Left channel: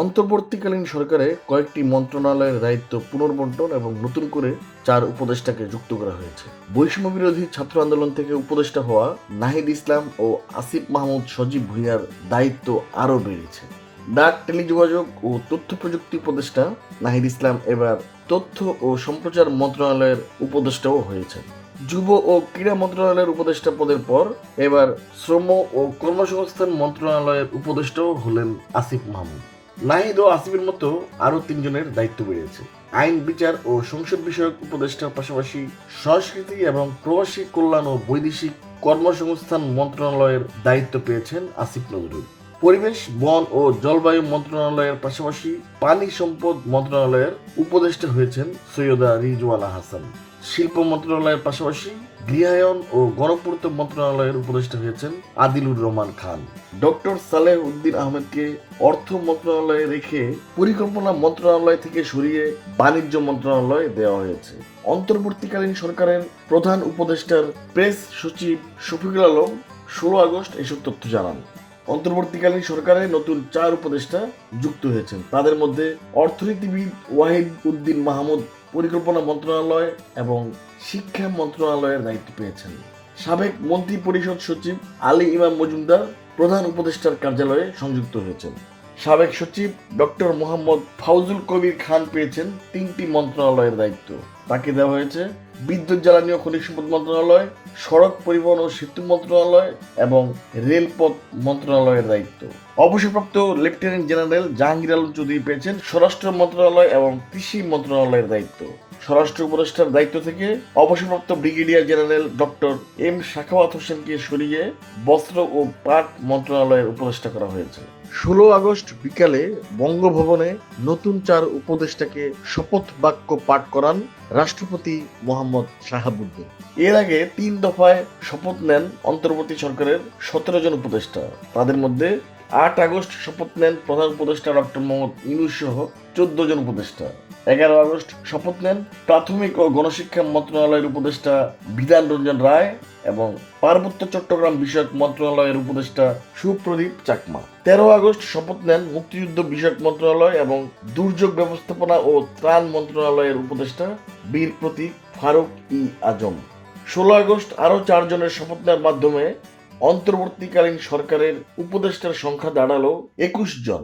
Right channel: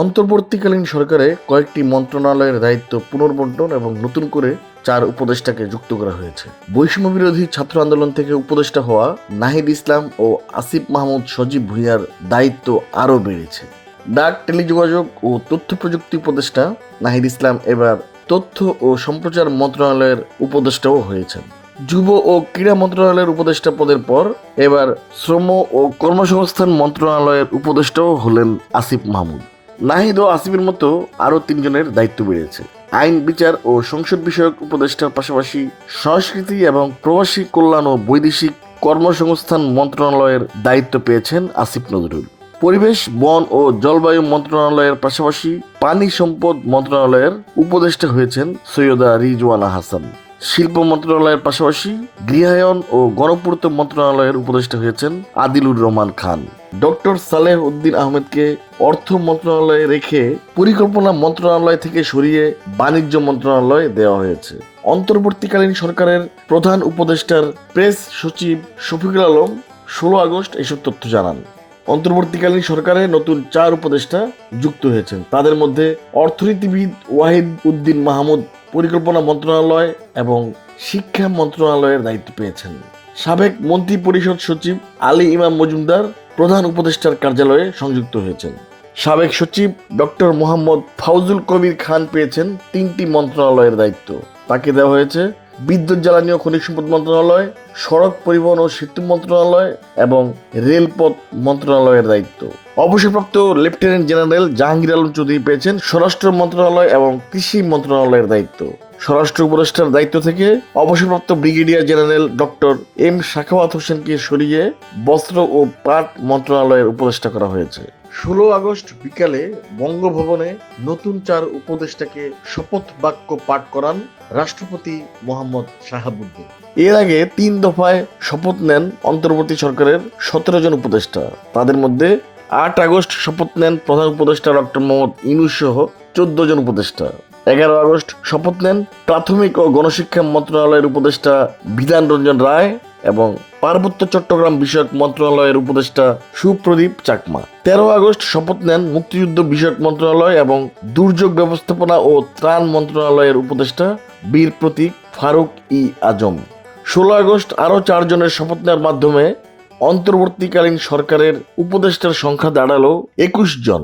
অন্তর্বর্তীকালীন সরকারে কয়েকটি মন্ত্রণালয়ের দায়িত্ব পুনর্বন্টন এবং নতুন করে চার উপদেষ্টাকে যুক্ত করা হয়েছে। বৈষম্য বিরোধী ছাত্র আন্দোলন থেকে উপদেষ্টা হওয়া নাহিদ ইসলাম ও আসিফ মাহমুদ সজীব ভুঁইয়ার দায়িত্ব আরও বেড়েছে। ডাক, টেলিযোগাযোগ ও তথ্য প্রযুক্তি উপদেষ্টা নাহিদ ইসলাম এবার তথ্য ও সম্প্রচার মন্ত্রণালয়ের উপদেষ্টাও হয়েছেন। যুব ও ক্রীড়া মন্ত্রণালয়ের উপদেষ্টা পদের পর এবার শ্রম ও কর্মসংস্থান মন্ত্রণালয়ের উপদেষ্টাও হলেন আসিফ মাহমুদ। নাহিদ ও আসিফের মতো আরও তিনজনের দায়িত্ব বেড়েছে। আইন, বিচার ও সংসদ বিষয়ক উপদেষ্টার পাশাপাশি সংস্কৃতি এবং প্রবাসী কল্যাণ ও বৈদেশিক কর্মসংস্থান মন্ত্রণালয়ের দায়িত্ব পেয়েছেন আসিফ নজরুল। পরিবেশ, বন ও জলবায়ু মন্ত্রণালয়ের পাশাপাশি পানি সম্পদ মন্ত্রণালয়ের উপদেষ্টা হয়েছেন সৈয়দা রিজওয়ানা হাসান। শিল্প মন্ত্রণালয়ের পাশাপাশি গৃহায়ন ও গণপূর্ত মন্ত্রণালয়ের উপদেষ্টা হয়েছেন আদিলুর রহমান খান। ডক্টর সালেহ উদ্দিন আহমেদকে অর্থ মন্ত্রণালয়ে রেখে পরিকল্পনা মন্ত্রণালয় থেকে সরিয়ে বাণিজ্য মন্ত্রণালয়ে দেওয়া হয়েছে। অন্তর্বর্তীকালীন সরকারের প্রধান উপদেষ্টার প্রেস সচিব শফিকুল আলম ষোলো আগস্ট এসব তথ্য জানান। অন্তর্বর্তীকালীন সরকারে নতুন চার উপদেষ্টা যুক্ত হয়েছেন। তাদের মধ্যে অর্থনীতিবিদ ওয়াহিদ উদ্দিন মাহমুদ, পরিকল্পনা মন্ত্রণালয় এবং শিক্ষা মন্ত্রণালয়ের দায়িত্ব পেয়েছেন। সাবেক মন্ত্রী পরিষদ সচিব আলী ইমাম মজুমদার প্রধান উপদেষ্টার কার্যালয়ে সংযুক্ত হয়েছেন। সাবেক সচিব ডক্টর মোহাম্মদ ফাউজুল কবির খান পেয়েছেন তিনটি মন্ত্রণালয়ের দায়িত্ব। তাকে দেওয়া হয়েছে বিদ্যুৎ জ্বালানি ও খনিজ সম্পদ মন্ত্রণালয় সড়ক পরিবহন ও সেতু মন্ত্রণালয় এবং রেলপথ মন্ত্রণালয়ের দায়িত্ব। অবসরপ্রাপ্ত লেফটেন্যান্ট জেনারেল জাহাঙ্গীর আলম চৌধুরী পেয়েছেন স্বরাষ্ট্র মন্ত্রণালয় এবং কৃষি মন্ত্রণালয়ের দায়িত্ব। স্বরাষ্ট্র উপদেষ্টার দায়িত্ব থেকে অবসরপ্রাপ্ত brigadier general doctor M Sakhawat হোসেনকে সরিয়ে বস্ত্র ও পাট মন্ত্রণালয়ের উপদেষ্টা করা হয়েছে। ষোলো আগস্ট বিকালে বঙ্গভবনে নতুন চার উপদেষ্টাকে শপথ বাক্য পাঠ করান রাষ্ট্রপতি মোহাম্মদ শাহাবুদ্দিন। এর আগে তিন দফায় শপথ নেন অন্তর্বর্তী সরকারের সতেরো জন উপদেষ্টা। তাদের মধ্যে আট আগস্ট শপথ নেন প্রধান উপদেষ্টা ডক্টর মোহাম্মদ ইনুস সহ চোদ্দ জন উপদেষ্টা। এগারো আগস্ট শপথ নেন প্রাথমিক ও গণশিক্ষা মন্ত্রণালয়ের উপদেষ্টা বিধান রঞ্জন রায় এবং পার্বত্য চট্টগ্রাম বিষয়ক মন্ত্রণালয়ের উপদেষ্টা সুপ্রদীপ চাকমা। তেরো আগস্ট শপথ নেন মুক্তিযুদ্ধ বিষয়ক মন্ত্রণালয় এবং দুর্যোগ ব্যবস্থাপনা ও ত্রাণ মন্ত্রণালয়ের উপদেষ্টা বীর প্রতীক ফারুক ই আজম। ষোলো আগস্ট আরও চারজনের শপথ নেওয়ার মাধ্যমে অন্তর্বর্তীকালীন সরকারের উপদেষ্টার সংখ্যা দাঁড়াল একুশ জন।